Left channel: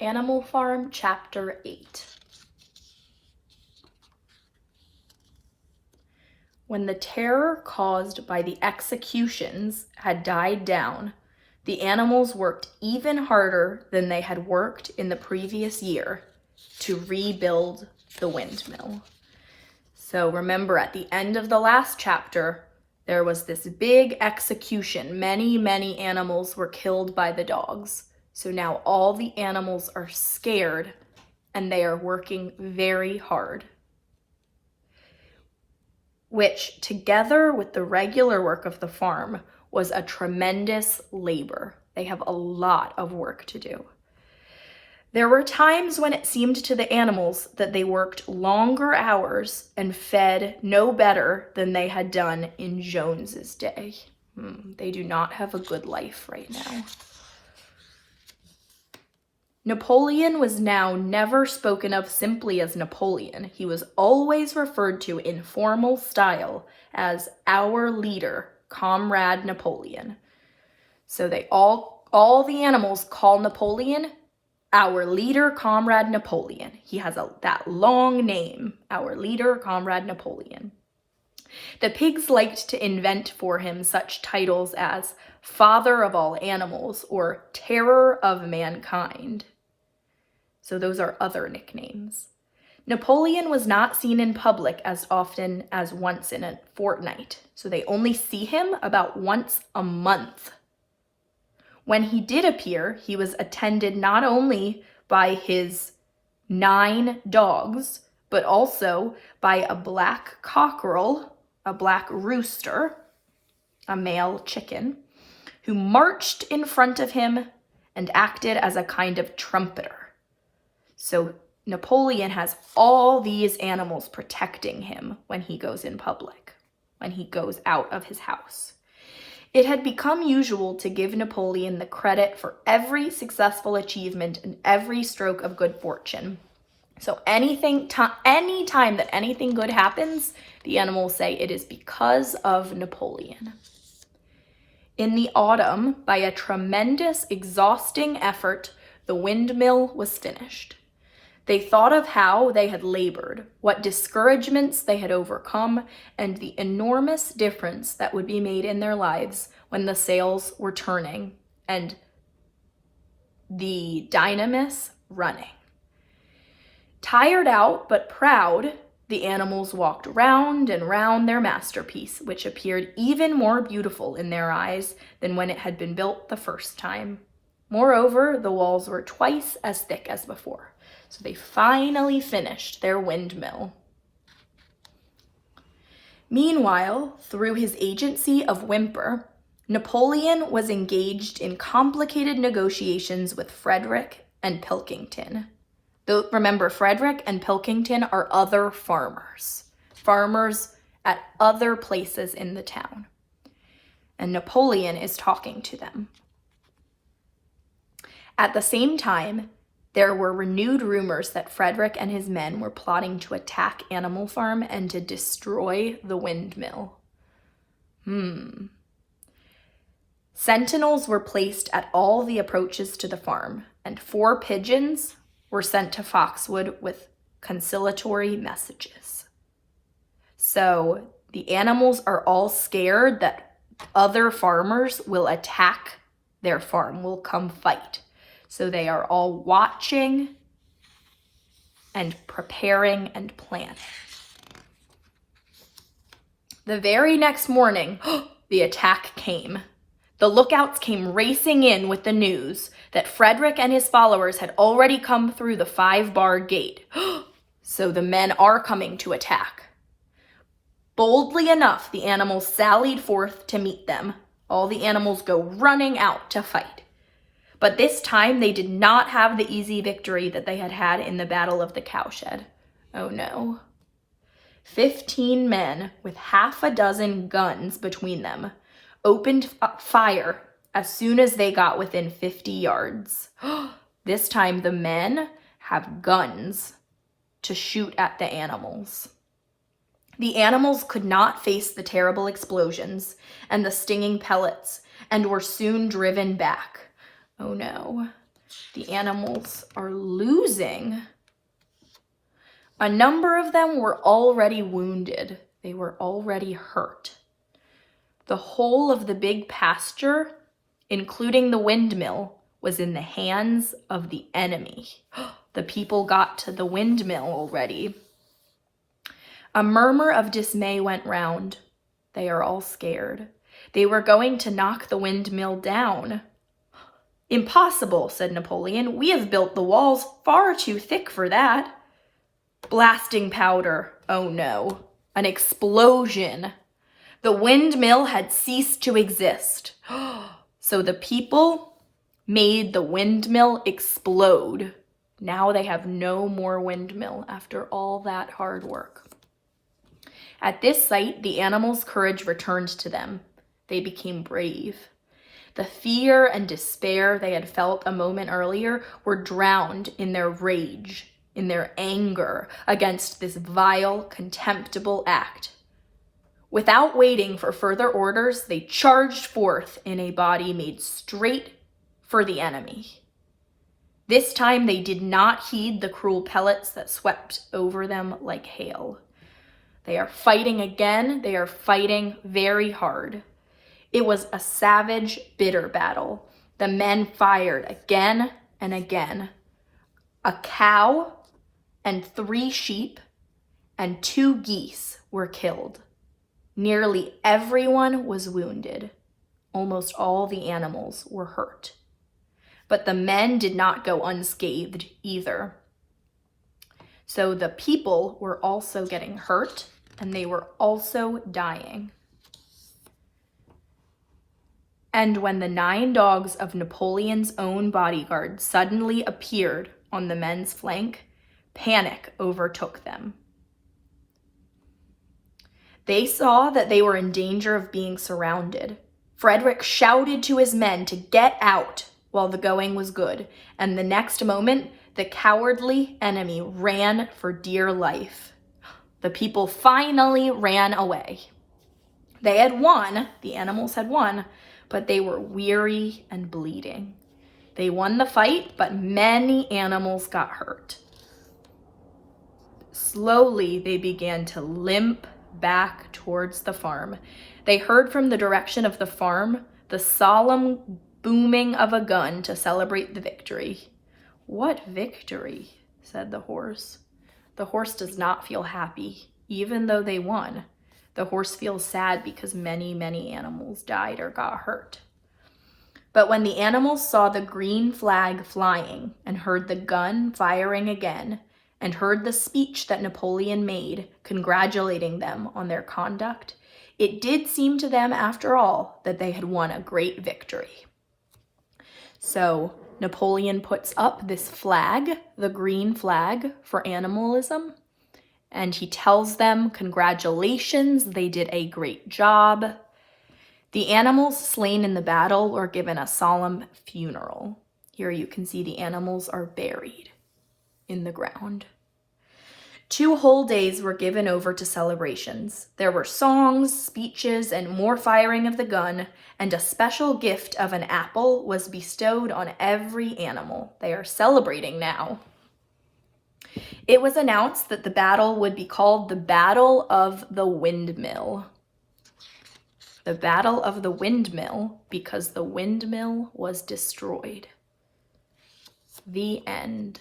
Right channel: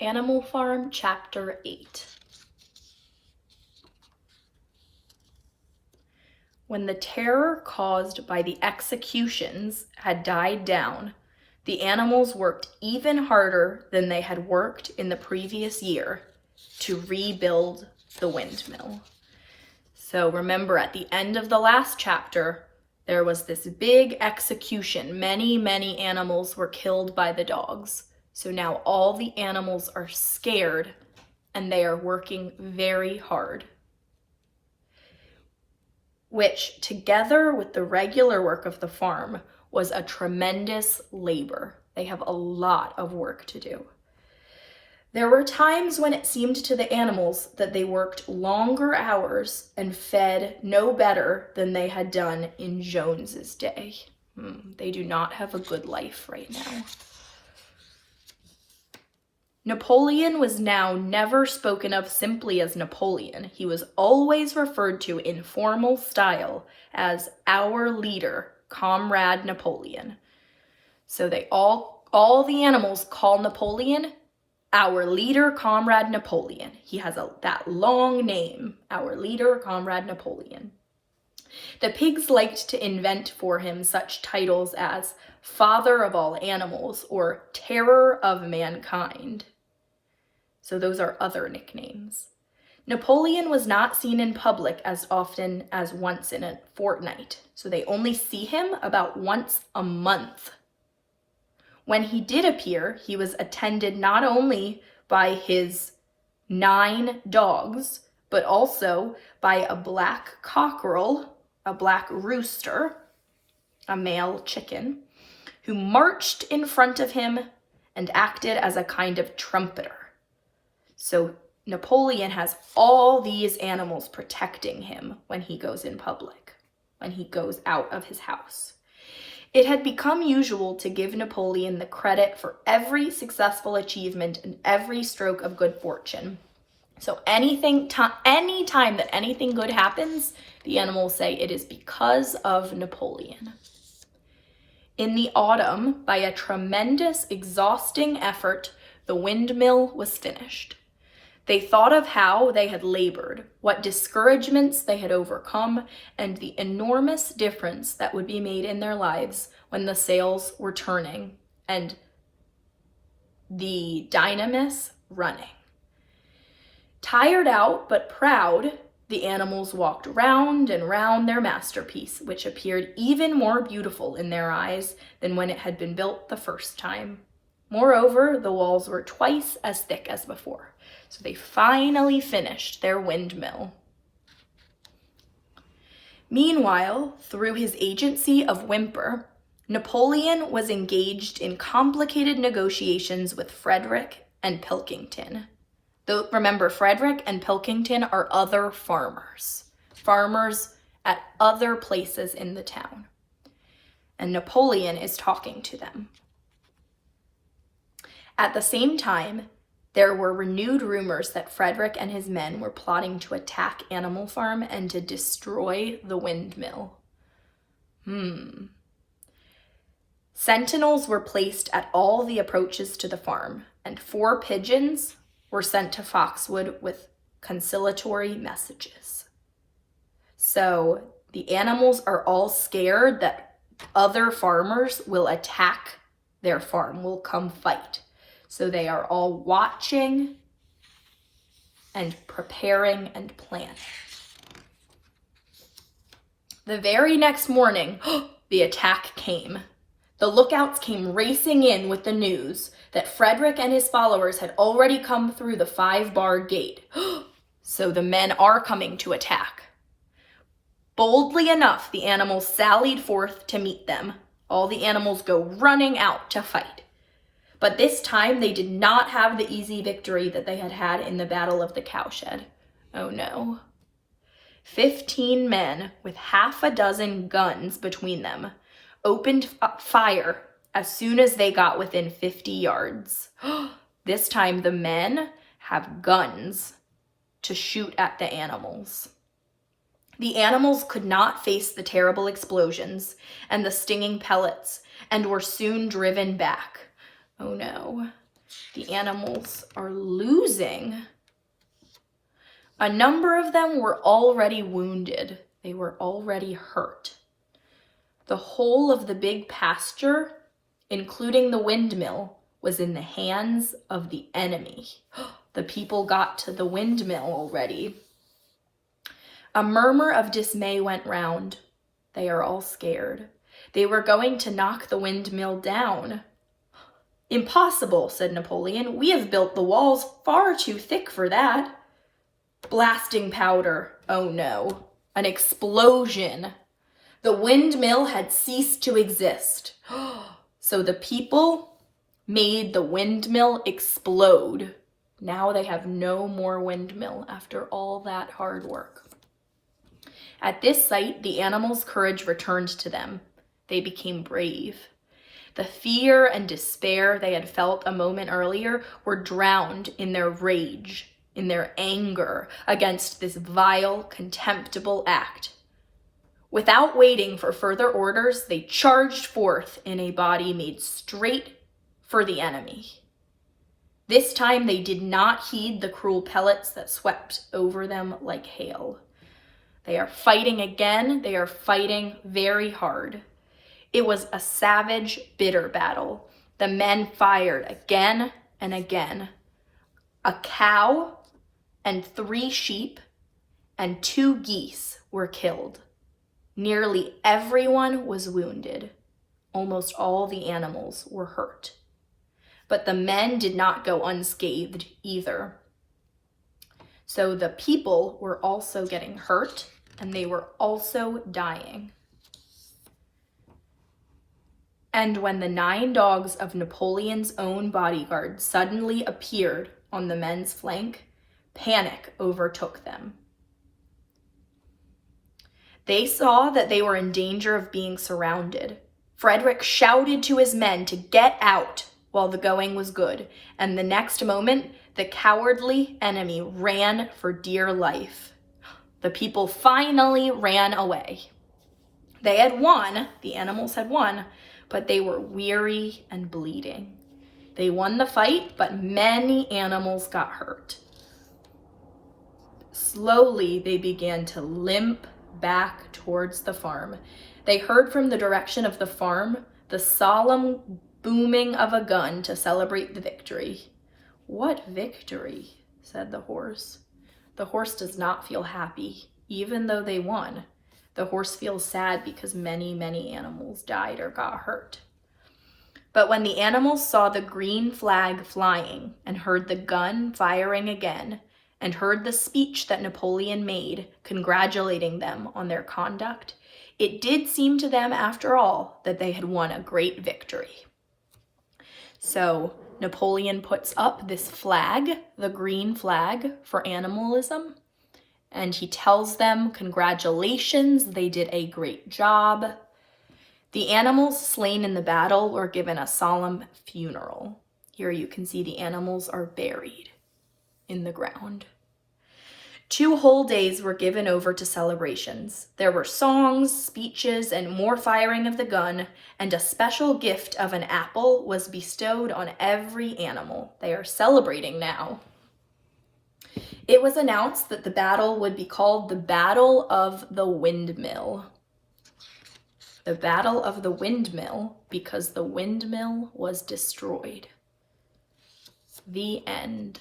Animal Farm, Chapter 8. When the terror caused by the executions had died down, the animals worked even harder than they had worked in the previous year to rebuild the windmill. So remember, at the end of the last chapter, there was this big execution. Many animals were killed by the dogs. So now all the animals are scared and they are working very hard, which together with the regular work of the farm was a tremendous labor. They have a lot of work to do. There were times when it seemed to the animals that they worked longer hours and fed no better than they had done in Jones's day. They do not have a good life right now. Napoleon was now never spoken of simply as Napoleon. He was always referred to in formal style as our leader, Comrade Napoleon. So they all the animals call Napoleon our leader, Comrade Napoleon. He has that long name, our leader, Comrade Napoleon. The pigs liked to invent for him such titles as Father of all animals or Terror of mankind. So those are other nicknames. Napoleon was not seen in public as often as once in a fortnight, so they only see him about once a month. When he did appear, he was attended not only by his 9 dogs, but also by a black cockerel, a black rooster, a male chicken, who marched in front of him and acted as a kind of trumpeter. So Napoleon has all these animals protecting him when he goes in public, when he goes out of his house. It had become usual to give Napoleon the credit for every successful achievement and every stroke of good fortune. So any time that anything good happens, the animals say it is because of Napoleon. In the autumn, by a tremendous, exhausting effort, the windmill was finished. They thought of how they had labored, what discouragements they had overcome, and the enormous difference that would be made in their lives when the sails were turning and the dynamis running. Tired out but proud, the animals walked round and round their masterpiece, which appeared even more beautiful in their eyes than when it had been built the first time. Moreover, the walls were twice as thick as before. So they finally finished their windmill. Meanwhile, through his agency of Whymper, Napoleon was engaged in complicated negotiations with Frederick and Pilkington. Though, remember, Frederick and Pilkington are other farmers at other places in the town. And Napoleon is talking to them. At the same time, there were renewed rumors that Frederick and his men were plotting to attack Animal Farm and to destroy the windmill. Sentinels were placed at all the approaches to the farm, and 4 pigeons were sent to Foxwood with conciliatory messages. So the animals are all scared that other farmers will attack their farm, will come fight. So they are all watching and preparing and planning. The very next morning, the attack came. The lookouts came racing in with the news that Frederick and his followers had already come through the 5-bar gate. So the men are coming to attack. Boldly enough, the animals sallied forth to meet them. All the animals go running out to fight. But this time they did not have the easy victory that they had had in the Battle of the Cowshed. Oh no. 15 men with half a dozen guns between them opened fire as soon as they got within 50 yards. This time the men have guns to shoot at the animals. The animals could not face the terrible explosions and the stinging pellets and were soon driven back. Oh no. The animals are losing. A number of them were already wounded. They were already hurt. The whole of the big pasture, including the windmill, was in the hands of the enemy. The people got to the windmill already. A murmur of dismay went round. They are all scared. They were going to knock the windmill down. Impossible, said Napoleon. We have built the walls far too thick for that. Blasting powder. Oh no. An explosion. The windmill had ceased to exist. So the people made the windmill explode. Now they have no more windmill after all that hard work. At this sight, the animals' courage returned to them. They became brave. The fear and despair they had felt a moment earlier were drowned in their rage, in their anger against this vile, contemptible act. Without waiting for further orders, they charged forth in a body made straight for the enemy. This time they did not heed the cruel pellets that swept over them like hail. They are fighting again. They are fighting very hard. It was a savage, bitter battle. The men fired again and again. A cow and 3 sheep and 2 geese were killed. Nearly everyone was wounded. Almost all the animals were hurt. But the men did not go unscathed either. So the people were also getting hurt, and they were also dying. And when the 9 dogs of Napoleon's own bodyguard suddenly appeared on the men's flank, panic overtook them. They saw that they were in danger of being surrounded. Frederick shouted to his men to get out while the going was good, and the next moment, the cowardly enemy ran for dear life. The people finally ran away. They had won, the animals had won, but they were weary and bleeding. They won the fight, but many animals got hurt. Slowly, they began to limp back towards the farm. They heard from the direction of the farm the solemn booming of a gun to celebrate the victory. What victory? Said the horse. The horse does not feel happy, even though they won. The horse feels sad because many, many animals died or got hurt. But when the animals saw the green flag flying and heard the gun firing again, and heard the speech that Napoleon made congratulating them on their conduct, it did seem to them, after all, that they had won a great victory. So Napoleon puts up this flag, the green flag for animalism, and he tells them, congratulations, they did a great job. The animals slain in the battle were given a solemn funeral. Here you can see the animals are buried in the ground. 2 whole days were given over to celebrations. There were songs, speeches, and more firing of the gun, and a special gift of an apple was bestowed on every animal. They are celebrating now. It was announced that the battle would be called the Battle of the Windmill. The Battle of the Windmill, because the windmill was destroyed. The end.